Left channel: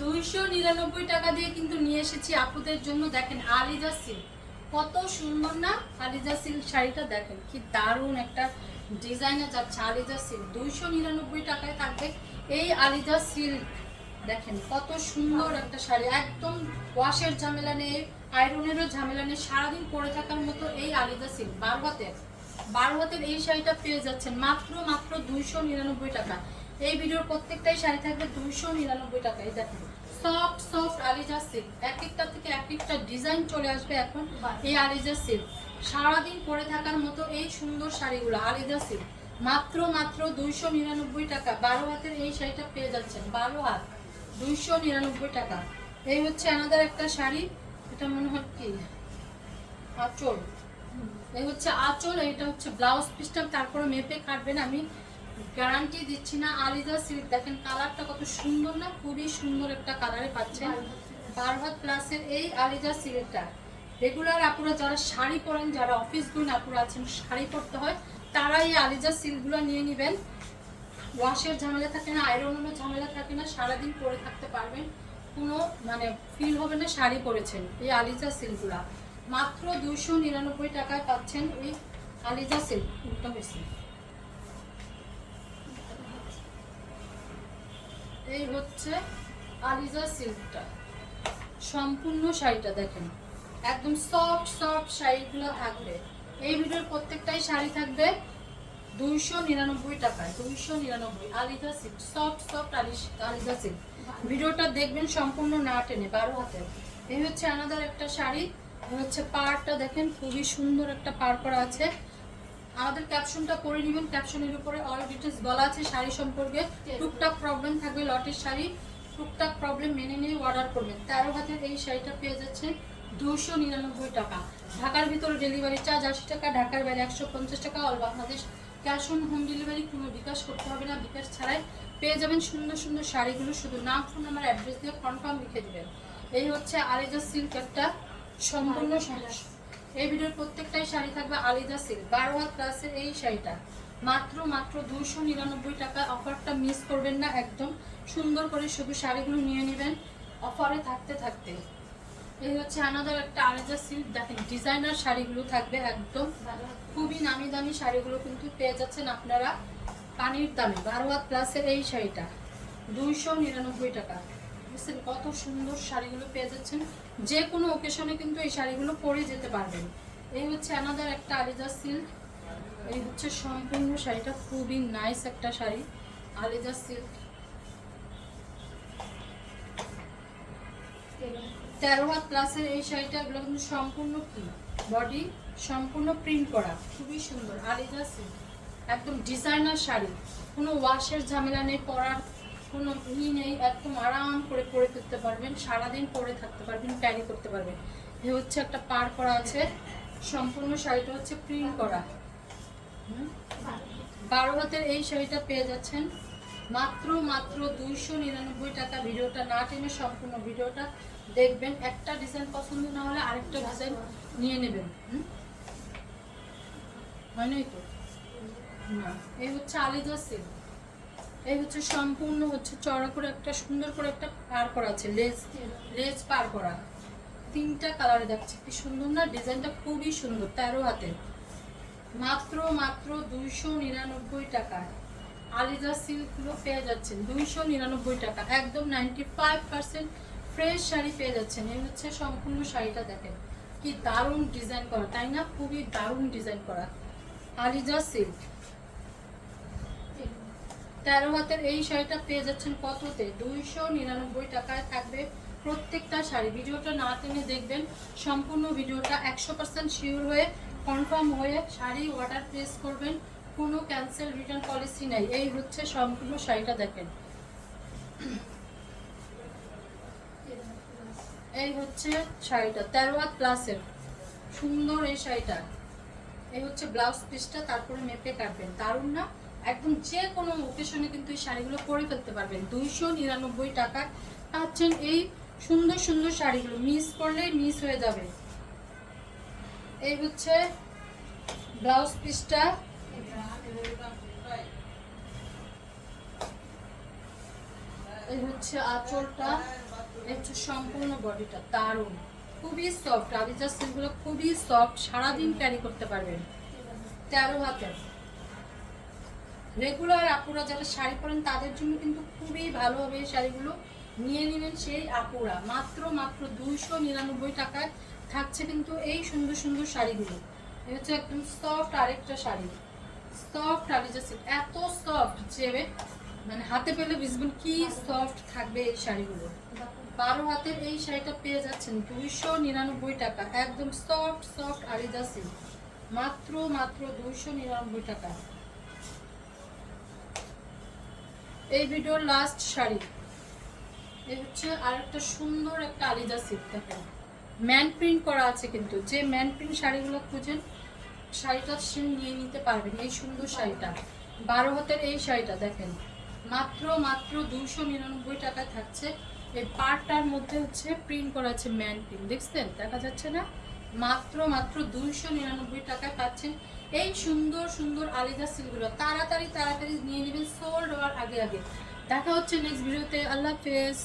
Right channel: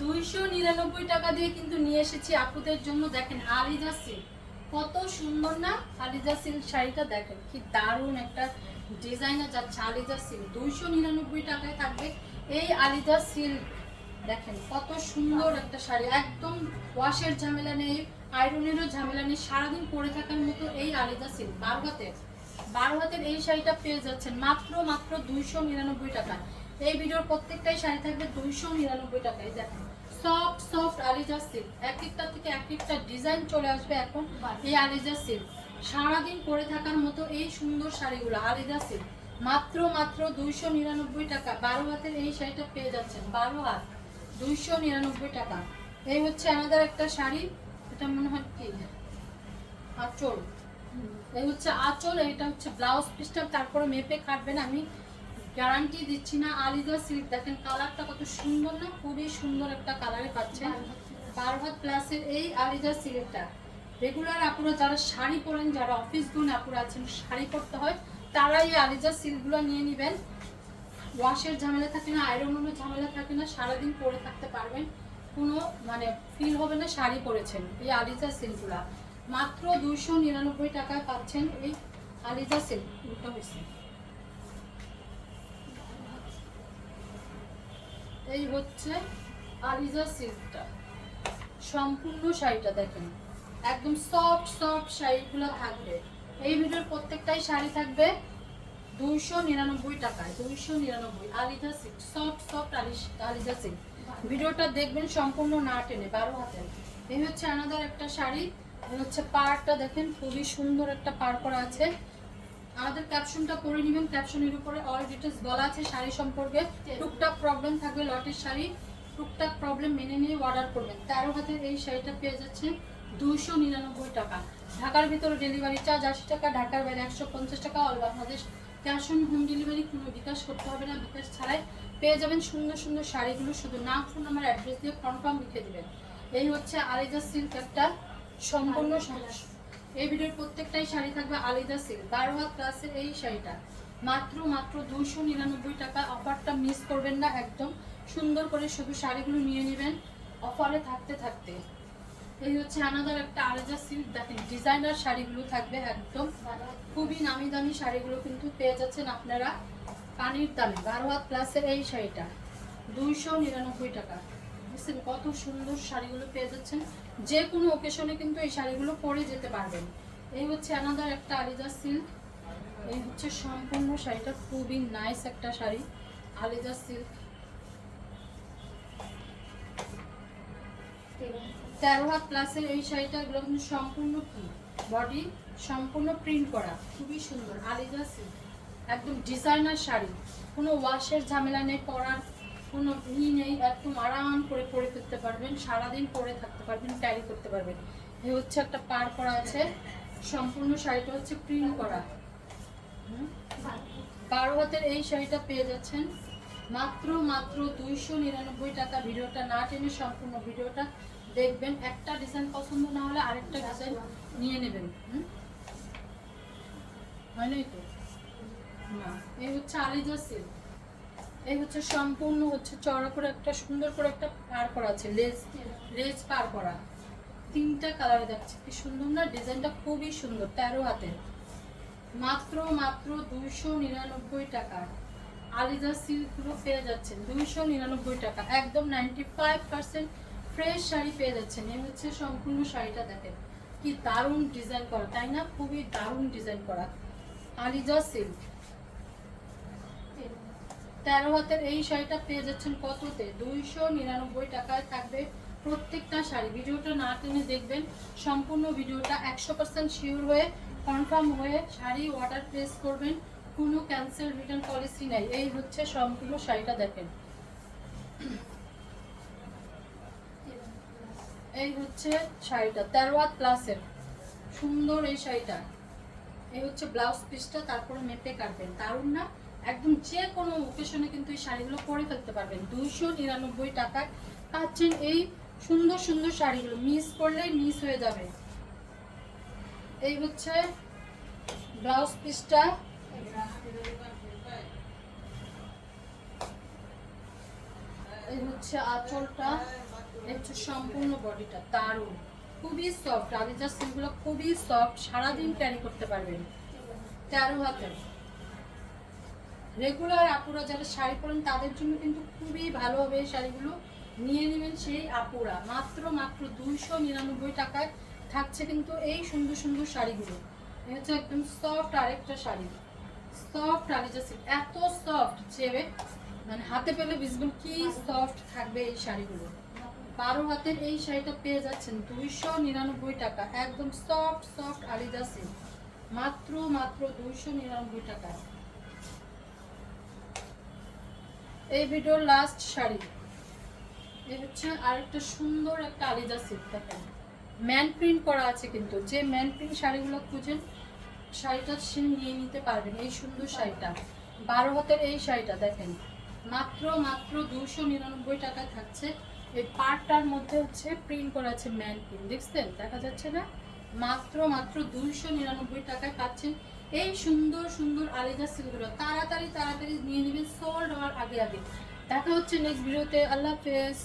দুইশো নিরানব্বই টাকা দিয়ে কিন্তু নিয়ে এসেছি আপুদের জন্য। দেখেন আলিজা সিল্ক। কত সুন্দর না? আলিজা সিল্ক শাড়িটা দেখেন, কি দারুণ একটা ডিজাইনে যাচ্ছে আলিজা দুইশো টাকায় থাকবে এই আলিজা দেখেন কত সুন্দর একটা শাড়ি। একদম ওয়াশের ঝামেলা নেই, আয়রনেরও ঝামেলা নেই, সারাদিন পরে থাকার মতো এই আলিদা সিল্ক। বারো হাতের বারো হাতের এই শাড়িটা পেয়ে যাচ্ছেন মাত্র মাত্র দুইশো নিরানব্বই টাকা। এই ভিডিওর প্রত্যেকটাই শাড়ি থাকবে দুইশো নিরানব্বই টাকায়। দেখেন সফট সফট আলিজা সিল্ক এক একটা থেকে এক একটা ডিজাইন চলে আসবে এখন এই আলিজা সিল্ক সারাদিন পরে থাকার মতো এই সুন্দর শাড়িগুলো আলিজা সিল্ক মাত্র মাত্র দুইশো নিরানব্বই টাকা। বারো হাতের এই শাড়িটা পেয়ে যাচ্ছেন। বারো হাত দুইশো নিরানব্বই টাকা। এই হচ্ছে আমাদের একটা শাড়ি। এটা মনে হয় কি? আঁচল। এই হচ্ছে আঁচল এটা হচ্ছে ব্লাউজ পিসটা। তারপরে মেপে কাটবেন আমি। গ্যারান্টি দিচ্ছি না। আলিজা সিল্ক দেখেন কালারটা কত সুন্দর না, খুবই সুন্দর একটা কালারে পাচ্ছেন। বারহাত প্লাসের এই আলিজা সিল্কটা রেগুলার আপুরা যারা শাড়ি পরেন, যারা অফিস গুণ আপুরা আছেন, শাড়ি পরতে হয় তারা এই আলিজা সিল্কগুলো নিয়ে নেবেন। ওয়াশের ঝামেলা থাকে না আয়রনের ঝামেলা থাকে না, সারাদিন পরে থাকতে পারবেন। কোনো মানে ফিল হবে না শাড়ি পরেছেন, এই আলিজা সিল্কগুলা মাত্র দুইশো নিরানব্বই টাকায় পাচ্ছেন এই আলিজা সিল্ক উল্টা হয়েছে। এই হচ্ছে আলিজা সিল্কটা। সম্পূর্ণ শাড়িটা দেখেন। একদম সফট সফট শাড়িগুলো থাকবে। এই ভিডিওর প্রত্যেকটাই শাড়ি থাকবে দুইশো নিরানব্বই টাকায়, দুইশো নিরানব্বই Aliza silk soft soft Aliza silk. ভিডিওটা দেখবেন সম্পূর্ণ না টেনে, বারো হাতে। এই হচ্ছে আমাদের একটা শাড়ি। হচ্ছে পাড়টা দেখেন, খুবই সুন্দর একটা পাড় করা আছে। আমাদের ক্যাপশনটা পরে নেবেন ক্যাপশনের উপরে অল ডিটেলস বলা আছে, শাড়ি সম্পর্কে টুকটাক প্রবলেম থাকবে, লটের শাড়ি, টুকটাক প্রবলেম মেনে নিয়ে অর্ডার করবেন। তেরো হাতের এই শাড়িটা পেয়ে যাচ্ছে দুশো নিরানব্বই টাকা। ঢাকার ভিতরে ডেলিভারি চার্জ আশি টাকা, ঢাকার বাইরে একশো পঞ্চাশ টাকা। All Bangladesh cash on home delivery কোনো বিকাশ করতে হবে না, বিকাশ ছাড়াই পেয়ে যাবেন সুন্দর সুন্দর শাড়িগুলো। শুধু নাম ফোন নাম্বার অ্যাড্রেস দিয়ে কনফার্ম লিখে দেবেন। এই হচ্ছে আলিজা সিল্ক একটা সম্পূর্ণ শাড়ি এই ভিডিওর প্রত্যেকটাই শাড়ি থাকবে আলিদা সিল্ক বারো হাত ক্লাসের এই শাড়িটা। মাত্র মাত্র দুইশো নিরানব্বই টাকা অফারটা মিস করবেন না একদম। সুন্দর করে শুধু শাড়িগুলো নিয়ে নেবেন। অফারে থাকতে থাকতে। এই হচ্ছে আনাদার একটা আলাদা সিল্ক দেখেন ডিজাইনার শাড়িগুলো থাকবে একদম। খুবই নামি দামি শাড়িগুলো কিন্তু পেয়ে যাচ্ছেন আপনারা। পানির দামে বারো হাত প্লাসের এই শাড়িটা। দুইশো নিরানব্বই টাকা। বুঝছেন কত সুন্দর শাড়িগুলো পেয়ে যাচ্ছেন। যে কোনো ওকেশনে কিন্তু এই শাড়িগুলো পরে যেতে পারবেন। এই হচ্ছে আমাদের একটা আলিজা সিল্ক এই হচ্ছে সম্পূর্ণ শাড়িটা খুবই নাইস একটা শাড়ি আলিজা সিল্ক তেরো হাত প্লাসের এই শাড়িটা, এগুলো কিন্তু সম্পূর্ণ কি? বডি সম্পূর্ণ প্রিন্ট করা। খুবই সুন্দর আলিজা সিল্ক একদম ডিজাইনার শাড়ি। কোনো ওয়াশের ঝামেলা নেই, পরার কোনো ই নেই, একদম আরাম করে পরে ফেলতে পারবেন, সারাদিন পরে থাকতে পারবেন ক্যারি করতে পারবেন। এ হচ্ছে একটা পার করা আছে, সম্পূর্ণ শাড়িটা হচ্ছে প্রিন্ট করা। বারো হাতের এই শাড়িটা পেয়ে যাচ্ছেন। মাত্র মাত্র দুইশো নিরানব্বই টাকা। ভিডিওটা না টেনে সম্পূর্ণ ভিডিওটা দেখবেন। একটা ডিজাইন পছন্দ না হলে আরেকটা ডিজাইন নিয়ে নেবেন। হয় নাই তো? এই হচ্ছে আলিজা সিল্ক এই হচ্ছে সম্পূর্ণ হচ্ছে চড়া করে একটা, সুন্দর করে একটা পার করা আছে লেজ লেজ পার করা। তিনটা কালারে দেখছে কি সুন্দর না? ডিজাইনটা খুবই সুন্দর, তেরো হাতে। মাত্র মাত্র দুইশো নিরানব্বই টাকা। আলিজা সিল্কগুলো পেয়ে যাচ্ছেন, দুইশো নিরানব্বই টাকা। একদম ninety five percent fresh sari পেয়ে যাচ্ছেন। এই হচ্ছে সম্পূর্ণ শাড়িটা দেখেন, কি দারুণ ডিজাইন করা, তাই না? খুবই দারুণ ডিজাইন করা। আলিজা সিল্ক তেরো হাতের এই শাড়িটা পেয়ে যাচ্ছেন কততে? দুইশো নিরানব্বই টাকায় থাকবে প্রত্যেকটা শাড়ি। ভিডিওটা না টেনে দেখবেন, সম্পূর্ণ ভিডিওটা একশো পার্সেন্ট শিওর হয়ে কনফার্ম হয়ে শাড়ি অর্ডার প্লেস করবেন। কোনো ক্যান্সেল রিটার্ন পলিসি নেই। এই হচ্ছে সম্পূর্ণ শাড়িটা দেখেন। এই হচ্ছে শাড়িটা, তেরো হাত প্লাসের সুন্দর এই শাড়িটা। এই হচ্ছে ব্লাউজ পিসটা তারপরে মেপে কাটবেন। দারুণ না? একদম যে কোনো ওকেশনে কিন্তু এই শাড়িগুলো পরে ফেলতে পারবেন। দুইশো নিরানব্বই টাকা পাচ্ছেন এই সুন্দর সুন্দর শাড়িগুলো। মিস করলেই মিস হয়ে যাবে। এই হচ্ছে ব্লাউজ পিসটা। এই হচ্ছে আঁচলটা। এই হচ্ছে সম্পূর্ণ বডিটা। দারুণ। খুবই সফট আদিজা সিলগুলো খুবই সফট সারাদিন ক্যারি করতে পারবেন। তেরো হাতের। রেগুলার আপুরা যারা শাড়ি পরেন, তাদের জন্য কিন্তু খুবই ভালো হবে এই শাড়িগুলো। নিয়ে নেবেন সেই আপুরা। মাত্র মাত্র দুইশো নিরানব্বই টাকায় থাকছে কিন্তু এই সুন্দর সুন্দর শাড়িগুলো। হচ্ছে একদম সফট আরেকটা শাড়ি। সফট সিল্ক এত সফট যে মানে হাতে পেলে বুঝবেন কি সফট থাকবে এই শাড়িগুলো। বারো হাতের এই শাড়িটা পেয়ে যাচ্ছেন দুইশো নিরানব্বই টাকা। একদম সফট সফট আলিজা সিল্ক মাত্র মাত্র দুইশো নিরানব্বই টাকা। এই ভিডিওর লাস্ট শাড়ি। এই হচ্ছে আরেকটা সুন্দর একটা আলিজা সিল্ক দেখেন। ম্যান প্রিন্ট করা আছে কিন্তু। যে ম্যান প্রিন্ট শাড়িগুলো খুঁজেন, শাড়িটা সে নিয়ে নিতে পারবেন এই সুন্দর শাড়িটা। বারো হাতের এই শাড়িটা, দেখেন। মাত্র মাত্র দুশো নিরানব্বই টাকায় থাকছে। এই পার্টটার মধ্যে হচ্ছে প্রিন্ট করা আছে ম্যান প্রিন্ট দেখছেন? দেখা যাচ্ছে না? মাত্র মাত্র দুইশো নিরানব্বই টাকায় পাচ্ছেন এই সুন্দর সুন্দর আলিদা সিলগুলো। তাড়াতাড়ি তাড়াতাড়ি নিয়ে নেবেন সোল্ড হওয়ার আগে আগে। দেখা হচ্ছে নেক্সট ভিডিওতে আল্লাহ হাফেজ।